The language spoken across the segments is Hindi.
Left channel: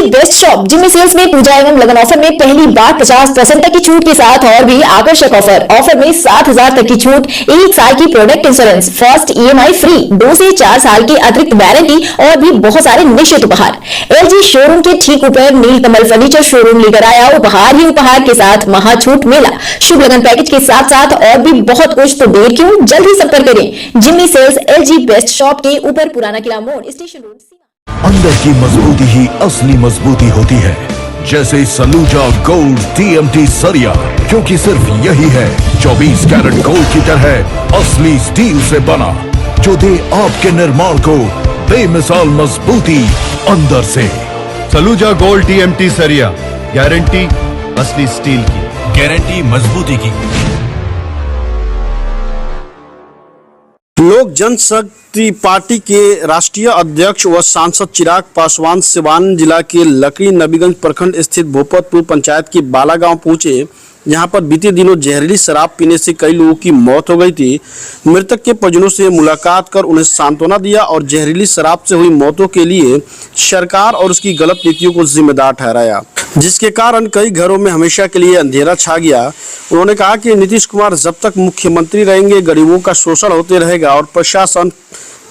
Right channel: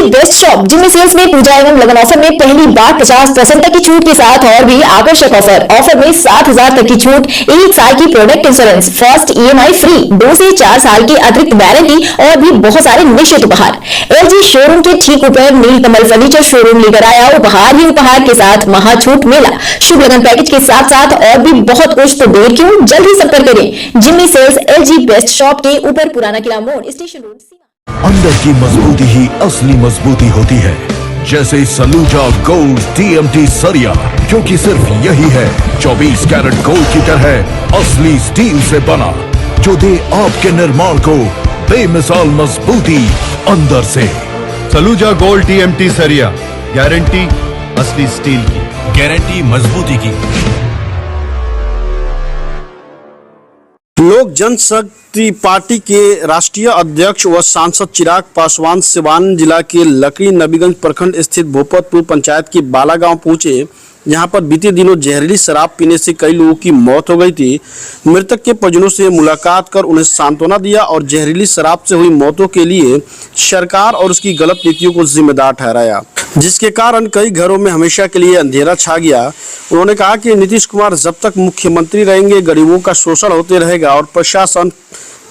LG best shop Jim sales में पूजा एवं लगन ऑफर में पहली बार 50% तक की छूट के साथ और भी आकर्षक ऑफर में 7,000 तक की छूट, 1 साल की product insurance, first EMI free, 2 से 4 साल की अतिरिक्त वारंटी और भी बहुत सारे निश्चित उपहार। एलजी शोरूम के ठीक ऊपर नीलकमल फर्नीचर शोरूम लेकर आया उपहार ही उपहार के साथ महाछूट मेला, शुभ लगन पैकेज के साथ साथ और भी बहुत कुछ। तो देर क्यों, जल्द ही संपर्क करें Jimmy sales LG best shop के ऊपर, पुराना किला मोड़, स्टेशन रोड। अंदर की मजबूती ही असली मजबूती होती है, जैसे सलूजा गोल्ड टीएमटी सरिया, क्योंकि सिर्फ यही है 24 कैरेट गोल्ड की तरह असली स्टील से बना, जो दे आपके निर्माण को बेमिसाल मजबूती अंदर से। सलूजा गोल्ड टीएमटी सरिया, गारंटी असली स्टील की, गारंटी मजबूती की। लोक जनशक्ति पार्टी के राष्ट्रीय अध्यक्ष व सांसद चिराग पासवान सिवान जिला के लकड़ी नबीगंज प्रखंड स्थित भूपतपुर पंचायत के बाला गांव पहुंचे, जहां पर बीते दिनों जहरीली शराब पीने से कई लोगों की मौत हो गई थी। मृतक के परिजनों से मुलाकात कर उन्हें सांत्वना दिया और जहरीली शराब से हुई मौतों के लिए सरकार और उसकी गलत नीतियों को जिम्मेदार ठहराया, जिसके कारण कई घरों में हमेशा के लिए अंधेरा छा गया। उन्होंने कहा कि नीतीश कुमार जब तक मुख्यमंत्री रहेंगे गरीबों का शोषण होते रहेगा और प्रशासन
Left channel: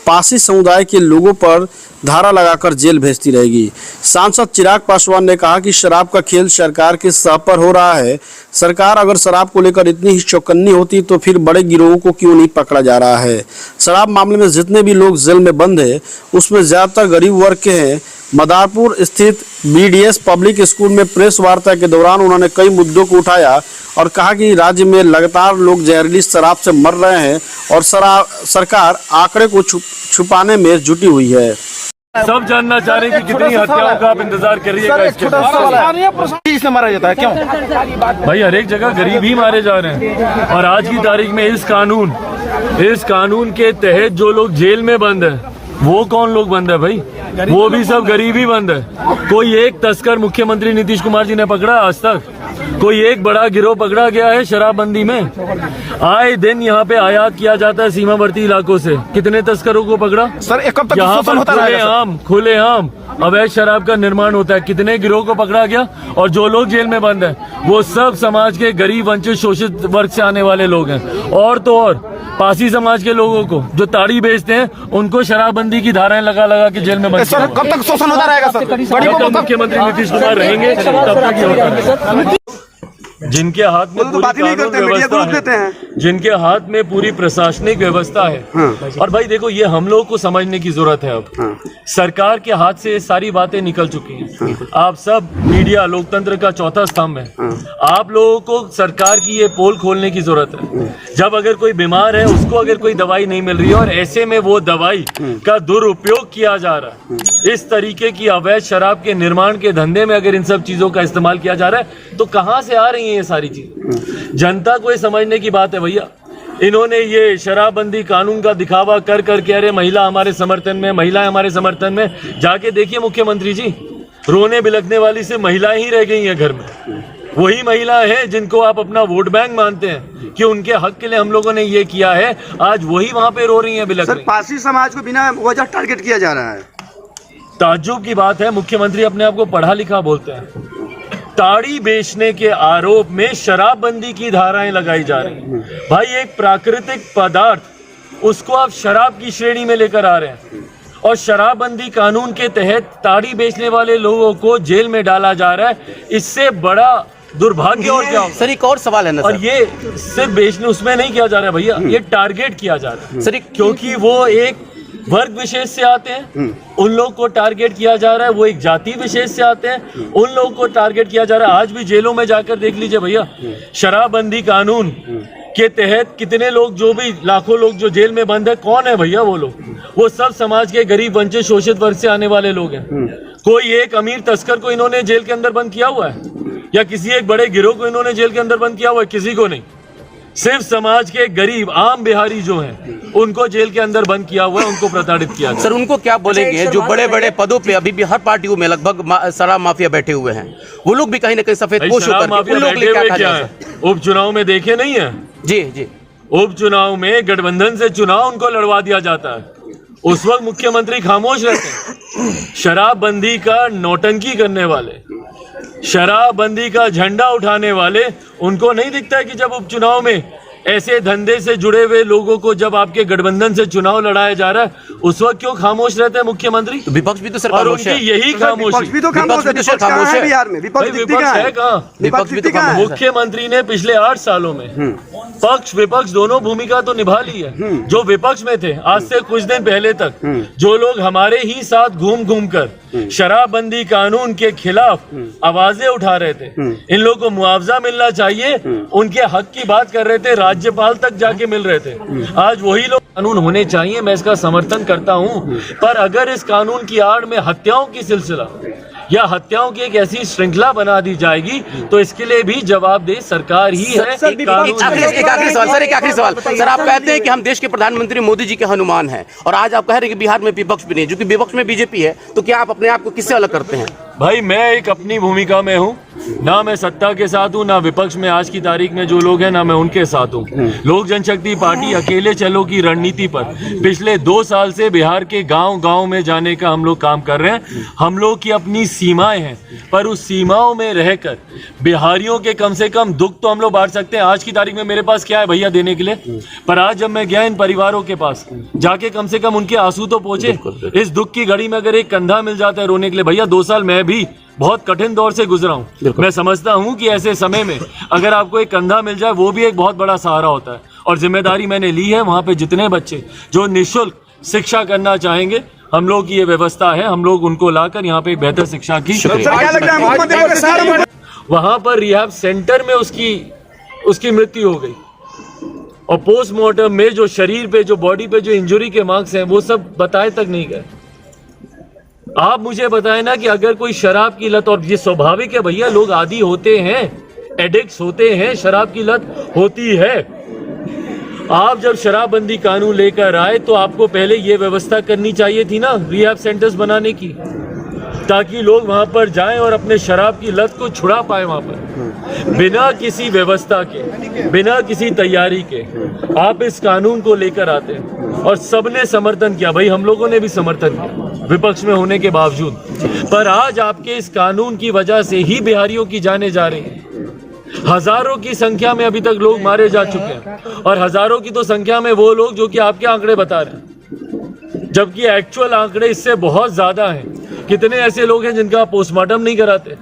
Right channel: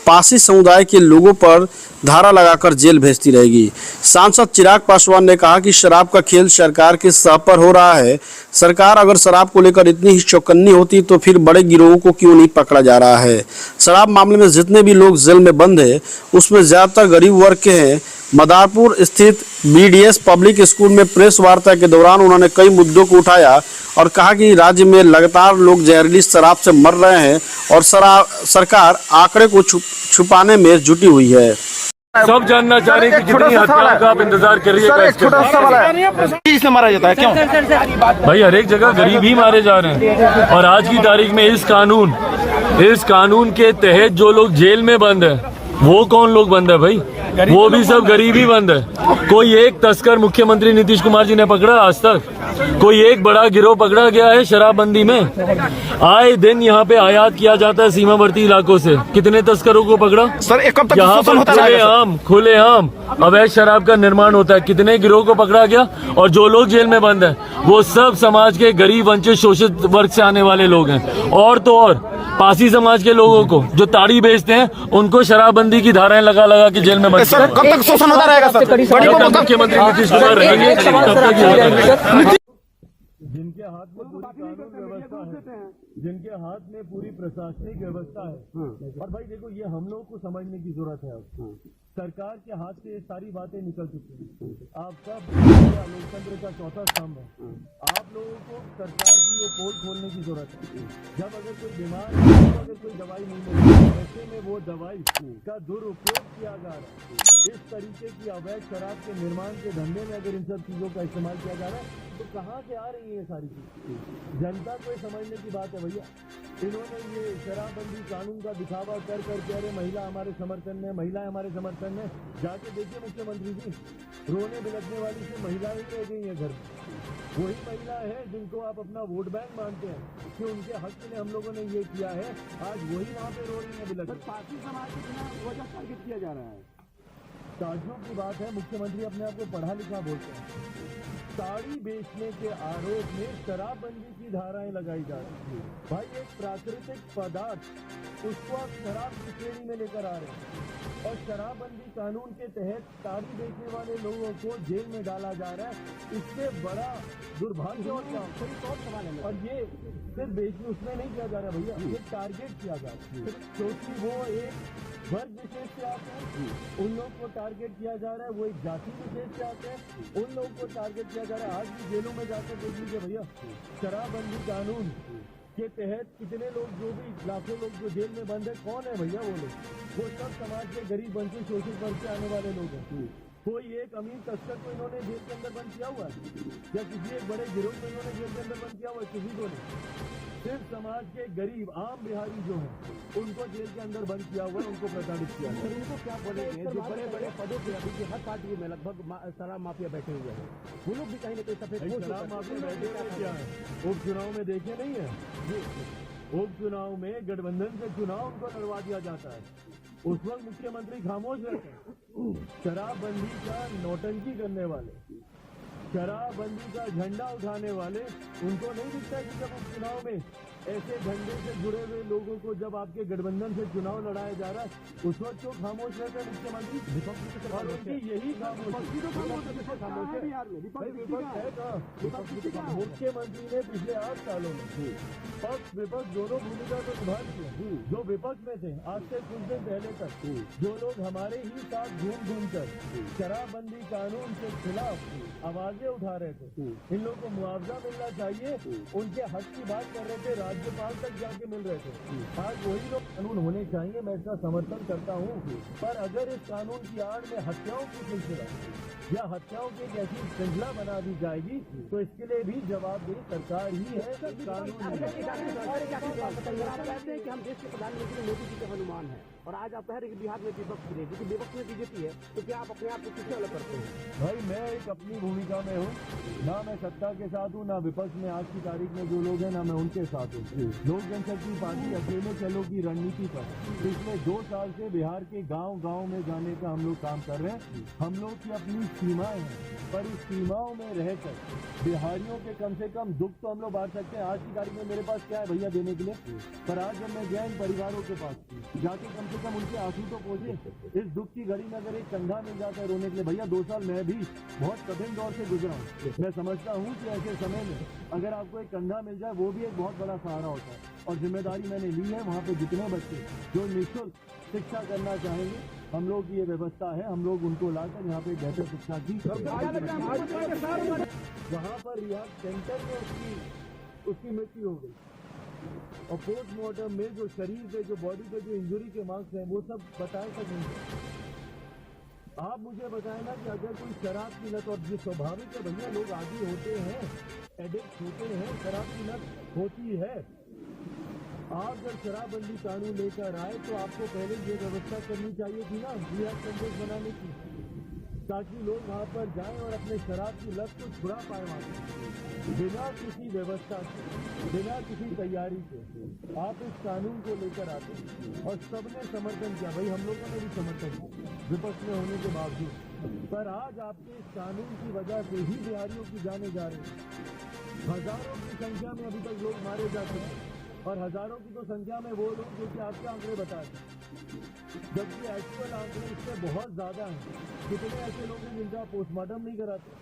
पासी समुदाय के लोगों पर धारा लगाकर जेल भेजती रहेगी। सांसद चिराग पासवान ने कहा कि शराब का खेल सरकार के सह पर हो रहा है। सरकार अगर शराब को लेकर इतनी ही चौकन्नी होती तो फिर बड़े गिरोहों को क्यों नहीं पकड़ा जा रहा है। शराब मामले में जितने भी लोग जेल में बंद हैं उसमें ज्यादातर गरीब वर्ग के हैं। मदारपुर स्थित बीडीएस पब्लिक स्कूल में प्रेस वार्ता के दौरान उन्होंने कई मुद्दों को उठाया और कहा कि राज्य में लगातार लोग जहरीली शराब से मर रहे हैं और सरकार आंकड़े को छुपाने में जुटी हुई है। सब जानना चाह रहे हैं कि कितनी हत्याओं का आप इंतजार कर रही है, इसमें मारा जाता है क्यों? भाई हर एक जगह गरीब ही मारे जा रहे हैं। और आज की तारीख में इस कानून के तहत जो लोग जेल में बंद है वो कौन लोग बंद है भाई? वो भी सब गरीब ही बंद है। कोई एक तस्कर मुख्यमंत्री नीतीश कुमार जी ने पकड़ा आज तक? कोई एक बड़ा गिरोह पकड़ा गया है शराबबंदी में? आए दिन यहाँ पे आयात किया जाता है सीमावर्ती इलाकों से। कितने तस्करों को पकड़ा सर? यहाँ पर खुलेआम अवैध शराब का निर्माण होता है। कितने गिरोह को पकड़ा गया? और जो लोग जेल में बंद है वो सब समाज के गरीब, वंचित, शोषित वर्ग से आने वाले लोग हैं। और तो और पासी समाज के लोगों को जो ताड़ी बेचते हैं उनको शराबबंदी की धाराएं लगा लगा के जेल में बंद। सर कब तक शोषण होता रहेगा सर? जब तक मुख्यमंत्री नीतीश कुमार रहेंगे तब तक ये होता रहेगा। जिनके हाथ में पूरी कानून व्यवस्था है, जिनके हाथ में पूरी प्रशासनिक व्यवस्था है। और भाई देखो, ये हम लोग को समझने की जरूरत है। अब सरकार के हाथ से ये सारी बातें निकल चुकी हैं। आप सब मीडिया लोकतंत्र का चौथा स्तंभ है। आप लोगों को सरकार की ये पोल खोलने की जरूरत है। जब अगर कोई बीमार है उसको अगर कोई दवाई नहीं मिल रही है और ऐसे में वो दवाई का दुरुपयोग किया जा रहा है, इस तरीके की अवैध शराब के निर्माण के धंधे में अगर इन सब चीजों का इस्तेमाल किया जा रहा है तो कहां से आ रही है ये सारी चीज? जनता को ये समझने की बात है भैया। इन्होंने ये शराबबंदी कानून का दिखावा कर करके अरे महिला हमारे समर्थन में, महिलाएं हमारे समर्थन में, जाके देखिए मुख्यमंत्री जी, रोने बिलखने वाली सिर्फ महिलाएं ही रह गई हैं घर में। वही महिलाएं हैं जिनको आप अपना वोट बैंक मानते हैं कि उनके हक के लिए हम लोगों ने ये किया है, आज वही वहां पे रो रही हैं, बिलख रही हैं। पासी समाज को बिना वजह टारगेट किया जा रहा है। ताज्जुब की बात है, मुख्यमंत्री अपने आप को पढ़ा लिखा बोलते हैं। ताड़ी बेचने के आरोप में शराबबंदी की धाराएं लगाई जा रही हैं। भाई एक प्राकृतिक पदार्थ, उसको आप शराब की श्रेणी में लेकर आ रहे हैं और शराबबंदी कानून के तहत ताड़ी बेचने वाले लोगों को जेल में डाला जा रहा है। इससे बड़ा दुर्भाग्य और क्या? सर एक और सवाल है ना और ये सिर्फ बेचने उसमें नहीं किया जा रहा है भैया, ये टारगेट किया जा रहा है सर, क्योंकि वो एक वर्ग विशेष से आते हैं, उन लोग को टारगेट किया जा रहा है। वो एक जाति विशेष से आते हैं, उन लोगों को टारगेट किया जा रहा है। आज भी जेलों में जाकर देख लीजिए भैया, शराबबंदी कानून के तहत कितने लोग, जो भी लाखों लोग जो जेल में बंद है, कौन है भैया वो लोग? वो सब समाज के गरीब, वंचित, शोषित वर्ग से आने वाले लोग हैं। कोई एक अमीर तस्कर को इन्होंने जेल के अंदर बंद किया हुआ है या किसी एक बड़े गिरोह को इन्होंने जेल के अंदर बंद किया हुआ है? किसी को नहीं। सिर्फ समाज के गरीब आम बिहारी जो हैं उनको जेल के अंदर बंद किया हुआ है, उनको प्रताड़ित किया गया। सर उनको क्या बोलेंगे जो बड़े बड़े पदों पे अभी भी हर पार्टियों में लगभग शराब माफिया बैठे हुए हैं? वो लोग भी कहीं ना कहीं सफेद पोश होकर क्या है, उपचुनाव में देखे नहीं है? जी जी, उपचुनाव में गठबंधन से चुनाव उनको लड़वा दिया जाता है, उस वक्त मुख्यमंत्री खामोश रहते हैं। शराबबंदी का नौटंकी करने वाले, शराबबंदी का झंडा उठाने वाले, उनको नहीं दिखता है कि जब उपचुनाव में ऐसे धंधे से जुड़े हुए लोगों को जब आपके गठबंधन से चुनाव लड़ाया जा रहा है उस वक्त क्यों खामोश रहते हैं मुख्यमंत्री? विपक्ष भी तो सर और खामोश है। उनकी यही खामोशी। विपक्ष भी तो खामोश है। विपक्ष कहाँ है बिहार में? भाई विपक्ष विपक्ष है कहाँ? विपक्ष भी तो खामोश है। मुख्यमंत्री ने पिछले 8 सालों में पक्ष विपक्ष दोनों भूमिका तो निभा ली है। जो विपक्ष में थे आज से कुछ दिन पहले तक जो लोग हमारे ही साथ घूम घूम कर शराबबंदी कानून के खिलाफ आवाजें उठा रहे थे, इन लोगों को मुआवजा मिलना चाहिए, उनके हक की बात कर रहे थे, राज्यपाल तक जाके मिल रहे थे। आज वही लोग कानून होने चाहिए, मैं इसका समर्थन करता हूँ, पर अगर इस कानून की आड़ में हत्याओं की सिलसिला या हत्याओं की एक ऐसी श्रृंखला बना दी जाएगी तो इसके लिए भी जवाबदेह सरकार ही है। एक आखिरी सवाल सर, आप कहते हैं कि हम देश के प्रधानमंत्री मोदी जी के हनुमान हैं और आज आप कह रहे हैं कि बिहार में विपक्ष भी नहीं, जो कि विपक्ष में बीजेपी है, तो क्या आप अपने आप को किससे अलग करते हैं? भाई मैं एक अपनी भूमिका में हूँ, ना मैं सत्ता के साथ हूँ ना विपक्ष में आज की तारीख में जो लोग हैं ना मैं उनके साथ हूँ। लोक जनशक्ति पार्टी अकेले चलो की रणनीति पर पिछले 2 साल से बिहार के गांव-गांव में जाने का हम लोग काम कर रहे हैं। हम लोग की अपनी सीमाएं हैं, पर उस सीमाओं में रहकर बिहारियों के कम से कम दुख तो हम लोग बांट सकते हैं। आज की तारीख में मेरे पास क्या है भैया देने के लिए, पर आज जब मैं गया इन परिवारों के पास जाके कम से कम उनके आंसू तो पहुंचे। इस दुख की घड़ी में अगर एक कंधा मिल जाता है रोने के लिए, भैया 2 साल मैं भी बहुत कठिन दौर से गुजरा हूँ, मैं समझता हूँ कि ऐसे समय में अगर आपको एक कंधा मिल जाए वो भी एक बहुत बड़ा सहारा होता है। और जिम्मेदारी मैंने ली है, वहाँ पे जितने बच्चे जो निःशुल्क शिक्षा करना चाहेंगे हम लोग की ये व्यवस्था है, हम लोग उनको लाकर यहाँ पे बेहतर शिक्षा की। वहाँ पर रिहैब सेंटर में उसकी मृत्यु हो गई और पोस्टमार्टम में जो शरीर पे जो बॉडी पे जो इंजरी के मार्क्स हैं वो सब बताए तक नहीं गए। आप मुझे बताएं ना कि अगर कोई शराब की लत, और ये स्वाभाविक है भैया, लोग आदी होते हैं, एडिक्ट्स होते हैं, शराब की लत होती है। आप जब शराबबंदी कानून लेकर आए तो आपको पहले ये व्यवस्था करनी चाहिए थी ना रिहैब सेंटर्स बनाने की, ताकि लोग वहां पर जाएं और अपने शराब की लत को छुड़ा पाए। वहां पर बिना किसी व्यवस्था के, बिना किसी तैयारी के आप इस कानून को लेकर आते हैं और सबने समर्थन किया। भाई हम लोगों ने भी समर्थन किया विपक्ष में होने के बावजूद, पर आज आपके इस कानून की वजह से ही बिहारियों की जानें जा रही हैं। हजारों की संख्या में अभी तक लोग मारे जा चुके हैं और हजारों की तो संख्या में वो लोग जो कि आपके आंकड़े बता रहे हैं, जबकि एक्चुअल आंकड़े इससे बहुत ज्यादा हैं। कितने ऐसे लोग हैं जिनका पोस्टमार्टम नहीं कराते,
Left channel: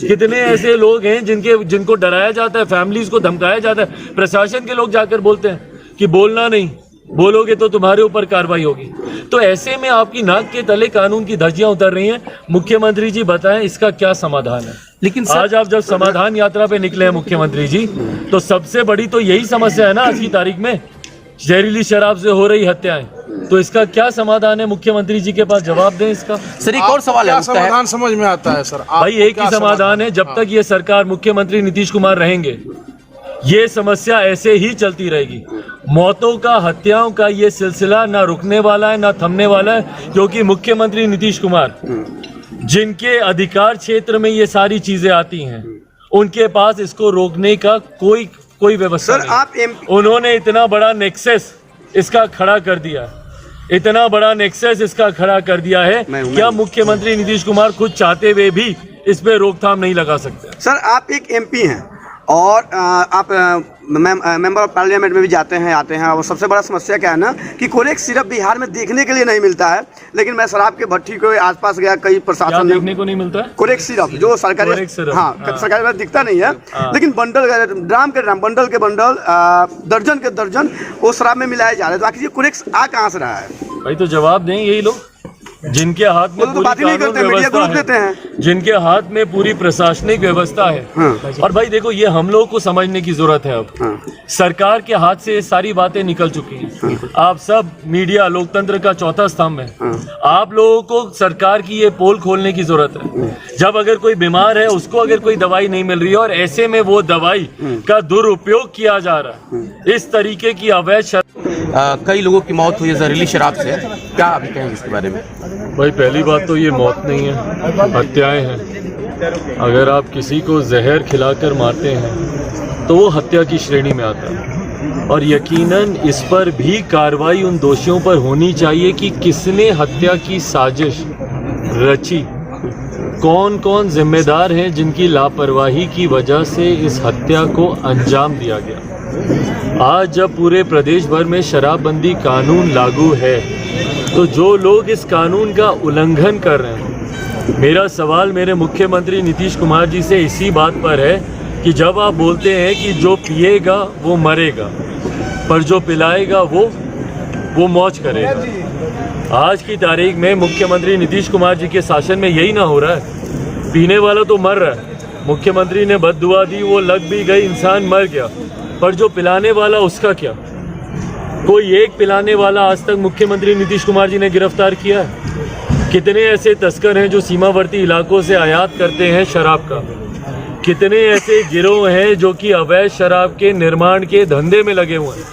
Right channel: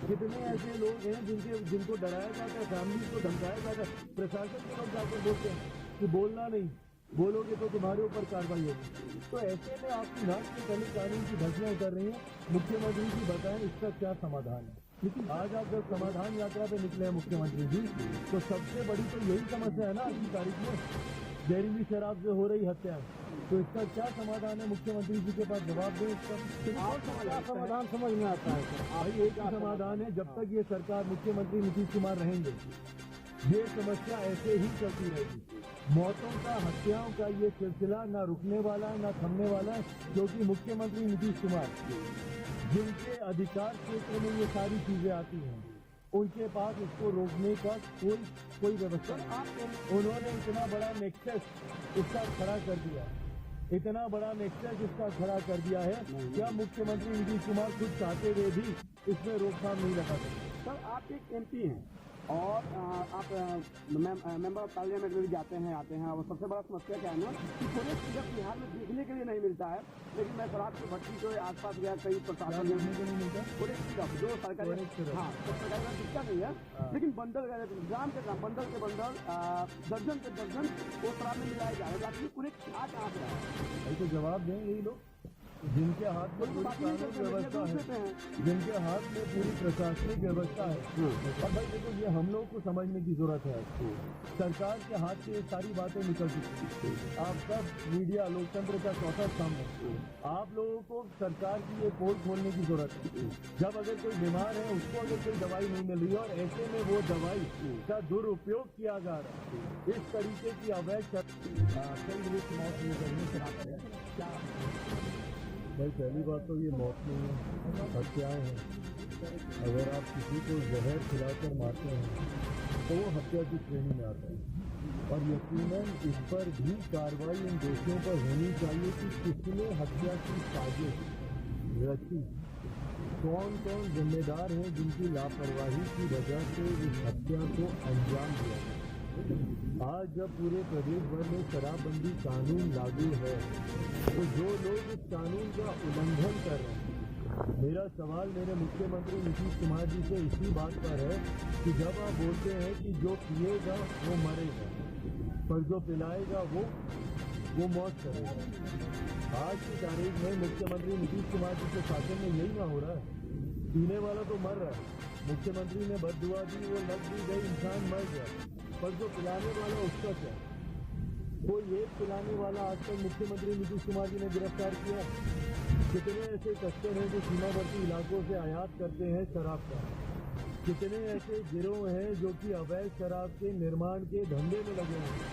कितने ऐसे लोग हैं जिनको डराया जाता है, फैमिलीज को धमकाया जाता है, प्रशासन के लोग जाकर बोलते हैं कि बोलना नहीं, बोलोगे तो तुम्हारे ऊपर कार्रवाई होगी। तो ऐसे में आपकी नाक के तले कानून की धज्जियां उतर रही हैं। मुख्यमंत्री जी बताएं इसका क्या समाधान है? लेकिन आज आप जब समाधान यात्रा पे निकले हैं मुख्यमंत्री जी, तो सबसे बड़ी तो यही समस्या है ना आज की तारीख में, जहरीली शराब से हो रही हत्याएं। तो इसका क्या समाधान है? मुख्यमंत्री जी के पास जवाब दें इसका। सर एक और सवाल है, समाधान समझ में आता है सर? भाई एक ही समाधान है, जब तक ये सरकार मुख्यमंत्री नीतीश कुमार रहेंगे ये समस्या ऐसे ही चलती रहेगी। मौतों का, हत्याओं का ये सिलसिला ना रुकने वाला है ना थमने वाला है, क्योंकि मुख्यमंत्री नीतीश कुमार जिनके अधिकार क्षेत्र में ये सारी चीजें आती हैं उनके पास इसको रोकने का कोई व्यवस्था नहीं। उन्होंने इतना बड़ा नेक्सस इसका खड़ा कर दिया, इतना बड़ा नेक्सस इसका खड़ा कर दिया है, क्या मुख्यमंत्री नीतीश कुमार खुद चाहते हुए भी इस पे रोकथाम नहीं लगा सकते? सर आप एक एमपी हैं और आप मेंबर ऑफ पार्लियामेंट में भी जाते हैं आते हैं, और सबसे बड़ा समस्या क्या है ना कि कोरेक्स सिर्फ बिहार में देखने के लिए नहीं मिलता है। लेकिन मैं शराब के भट्टी के आसपास गया, कई प्रशासन देखने को नहीं मिलता है कोरेक्स सिर्फ जो सरकारी, सरकारी में दिखता नहीं है, लेकिन बंडल ड्राम के ड्राम, बंडल के बंडल, दर्जन के दर्जन वो शराब में मिलाए जा रहे हैं। तो आखिर ये कोरेक्स आ कहाँ से रहा है? भाई तो जवाब दें यही लोग जिनके हाथ में पूरी कानून व्यवस्था है, जिनके हाथ में पूरी प्रशासनिक व्यवस्था है। और भाई देखो ये हम लोगों को समझने की जरूरत है। अब सरकार के हाथ से सारी बातें निकल चुकी हैं। आप सब मीडिया लोकतंत्र का चौथा स्तंभ है, आप लोगों को सरकार की ये पोल खोलने की जरूरत है। जब अगर कोई बीमार है उसको अगर कोई दवाई नहीं मिल रही है और ऐसे में वो दवाई का दुरुपयोग किया जा रहा है, इस तरीके की अवैध कई लोगों की मौत हुई है जहरीली शराब से, क्या अभी कहेंगे इसके बारे में? भाई पहली बात तो ये मौत नहीं है, हत्याएं हैं। अगर आप किसी को जहर खिलाकर मारते हैं तो वो हत्या की श्रेणी में आता है, और यकीनन इस पर भी कार्रवाई उन दोषियों पर होनी चाहिए कि किसने हत्या की साजिश रची, कौन कौन जिम्मेदार हैं जिनकी लापरवाही की वजह से इस हत्या को अंजाम दिया गया। आज जब पूरे प्रदेश भर में शराबबंदी कानून लागू है तो जो लोग इस कानून का उल्लंघन कर रहे हैं, मेरा सवाल मेरे मुख्यमंत्री नीतीश कुमार जी से इसी बात पर है कि जब आप बोलते हैं कि जो पिएगा वो मरेगा, पर जो पिलाएगा वो मौज करेगा। आज की तारीख में मुख्यमंत्री नीतीश कुमार जी के शासन में यही ना हो रहा है। पीने वाला तो मर रहा है, मुख्यमंत्री ने बद्दुआ दी, वो लग भी गई, इंसान मर गया, पर जो पिलाने वाला उसका क्या? कोई एक पिलाने वाला आज तक मुख्यमंत्री नीतीश कुमार जी ने गिरफ्तार किया है? कितने ऐसे तस्कर हैं जो सीमावर्ती इलाकों से आयात करते हैं शराब का? कितने ऐसे गिरोह हैं जो कि अवैध शराब के निर्माण के धंधे में लगे हुए हैं?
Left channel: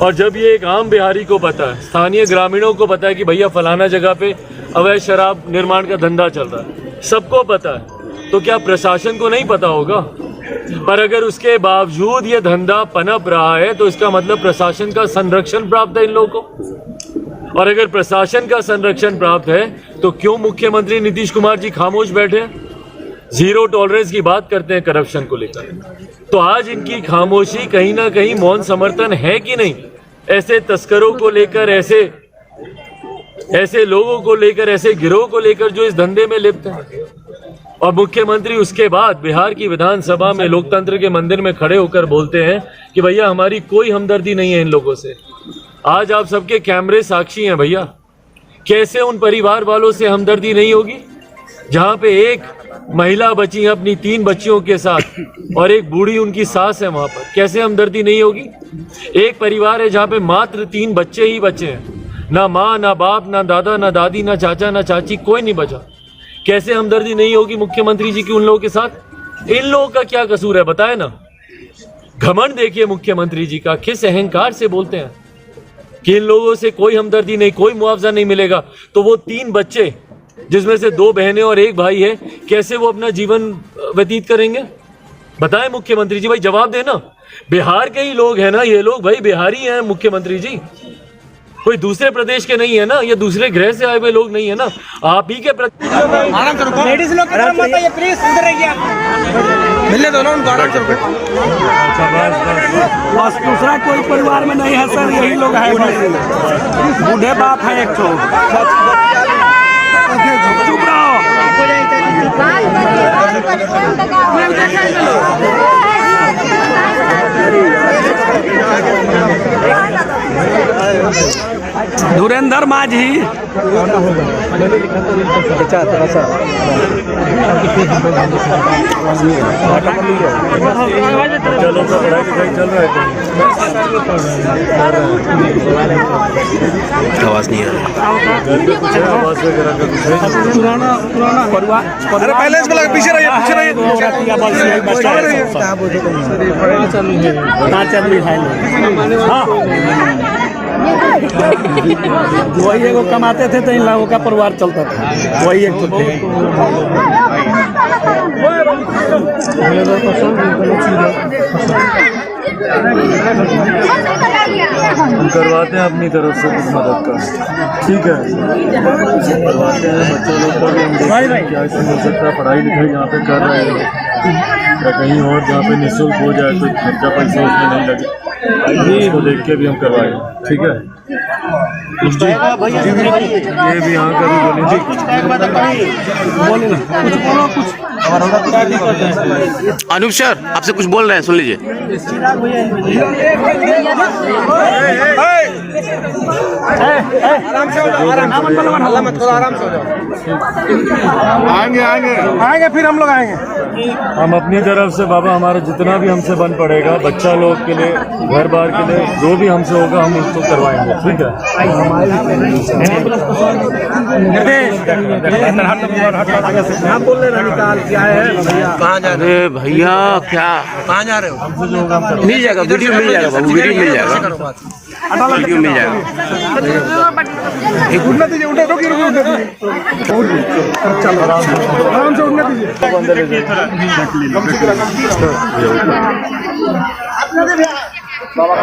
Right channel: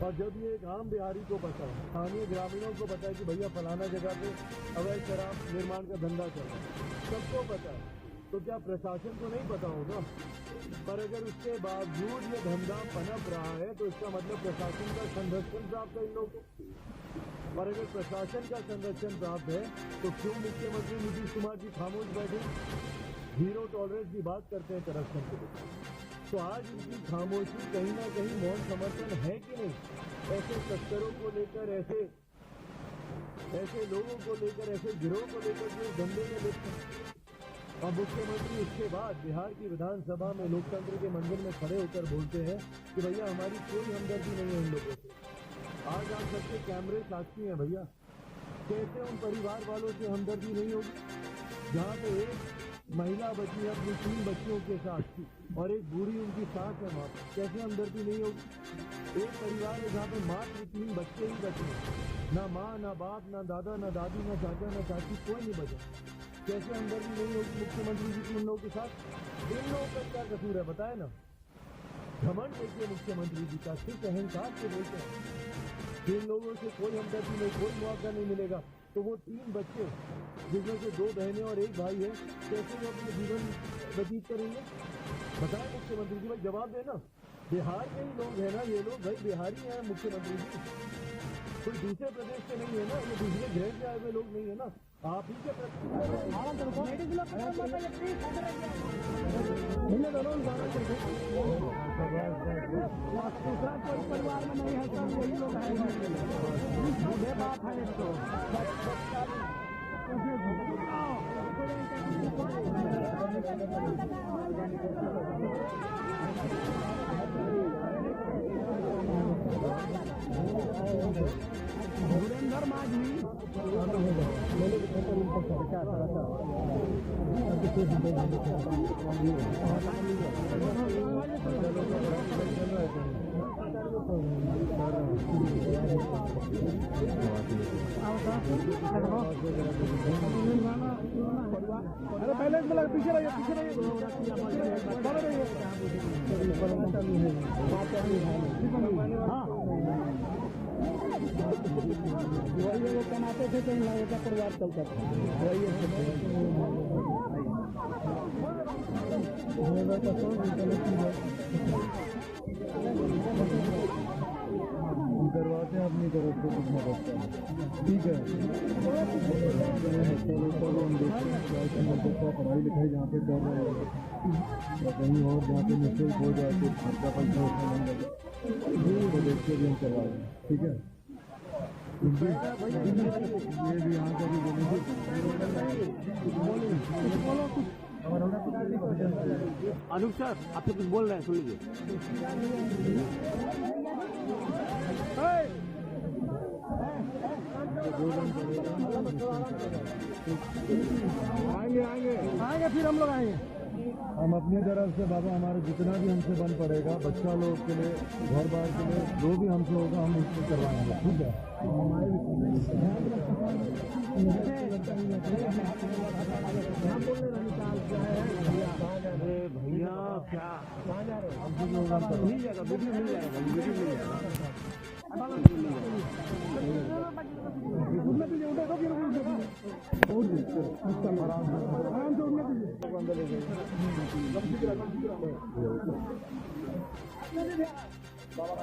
और जब ये एक आम बिहारी को पता है, स्थानीय ग्रामीणों को पता है कि भैया फलाना जगह पे अवैध शराब निर्माण का धंधा चल रहा है, सबको पता है, तो क्या प्रशासन को नहीं पता होगा? पर अगर उसके बावजूद ये धंधा पनप रहा है तो इसका मतलब प्रशासन का संरक्षण प्राप्त है इन लोगों को। और अगर प्रशासन का संरक्षण प्राप्त है तो क्यों मुख्यमंत्री नीतीश कुमार जी खामोश बैठे? जीरो टॉलरेंस की बात करते हैं करप्शन को लेकर, तो आज इनकी खामोशी कहीं ना कहीं मौन समर्थन है कि नहीं? ऐसे तस्करों को लेकर, ऐसे लोगों को लेकर, ऐसे गिरोह को लेकर जो इस धंधे में लिप्त हैं। और मुख्यमंत्री उसके बाद बिहार की विधानसभा में लोकतंत्र के मंदिर में खड़े होकर बोलते हैं कि भैया हमारी कोई हमदर्दी नहीं है इन लोगों से। आज आप सबके कैमरे साक्षी हैं भैया, कैसे उन परिवार वालों से हमदर्दी नहीं होगी जहां पे एक महिला बची है अपनी 3 बच्चियों के साथ और एक बूढ़ी उनकी सास है वहां पर? कैसे हमदर्दी नहीं होगी? एक परिवार है जहां पे मात्र 3 बच्चे ही बचे हैं, ना माँ, ना बाप, ना दादा, ना दादी, ना चाचा, ना चाची, कोई नहीं बचा। कैसे हमदर्दी नहीं होगी मुख्यमंत्री जी की उन लोगों के साथ? इन लोगों का क्या कसूर है बताए ना? घमंड देखिए मुख्यमंत्री जी का, किस अहंकार से बोलते हैं कि इन लोगों से कोई हमदर्दी नहीं, कोई मुआवजा नहीं मिलेगा। तो वो 3 बच्चे जिसमें से 2 बहनें और 1 भाई है, कैसे वो अपना जीवन व्यतीत करेंगे? बताएं मुख्यमंत्री जी, भाई जवाब देना। बिहार के ही लोग हैं ना ये लोग, भाई बिहारी हैं मुख्यमंत्री जी, कोई दूसरे प्रदेश के नहीं है ना, ये दूसरे ग्रह से आए हुए लोग नहीं है ना। आप ही के लेडीज लोग की तरफ मत आइए प्लीज, इधर रहिए, मिलने दो ना उनको, आराम से। बस दूसरा कोई परिवार में नहीं है सर, यही लोग हैं, बूढ़े बाप है एक तो। चुप रहो। धुरेंद्र माझी चलो तो पढ़ाई लिखाई चल रहा है, आवाज नहीं आ रही, कुछ आवाज वगैरह का कुछ है? पुराना परिवार। अरे पहले इसको लगा, पीछे रहिए, पीछे रहिए। वही एगो कमाते थे तो इन लोगों का परिवार चलता था, वही एक हम करवाते हैं अपनी तरफ से कुछ मदद का, ठीक है, करवाते हैं। बच्चों लोग का भी हम देखते हैं क्या इसमें हो सकता है, पढ़ाई लिखाई यहाँ पे कर रहे हैं या कहीं और जहाँ पे निःशुल्क हो जाए तो खर्चा पैसा उसमें नहीं लगे, इसको देख के भी हम करवाएंगे, ठीक है जी। ये भी यहाँ का भी बोले जी, अनूप सर आपसे कुछ बोल रहे हैं, सुन लीजिए। आएंगे फिर हम लोग आएंगे। हम अपनी तरफ से बाबा हमारा जितना भी हमसे बन पड़ेगा, बच्चा लोग के लिए, घर बार के लिए, जो भी हमसे होगा हम उसको करवाएंगे, ठीक है। बोल रहे निकाल क्या है भैया, कहाँ जा रहे? अरे भैया क्या, कहाँ जा रहे हो? मिल जाएगा, वीडियो मिल जाएगा बाबू, वीडियो मिल जाएगा, वीडियो मिल जाएगा। उठने दीजिए, उठने दीजिए, चलो आराम से उठने दीजिए। बाबा का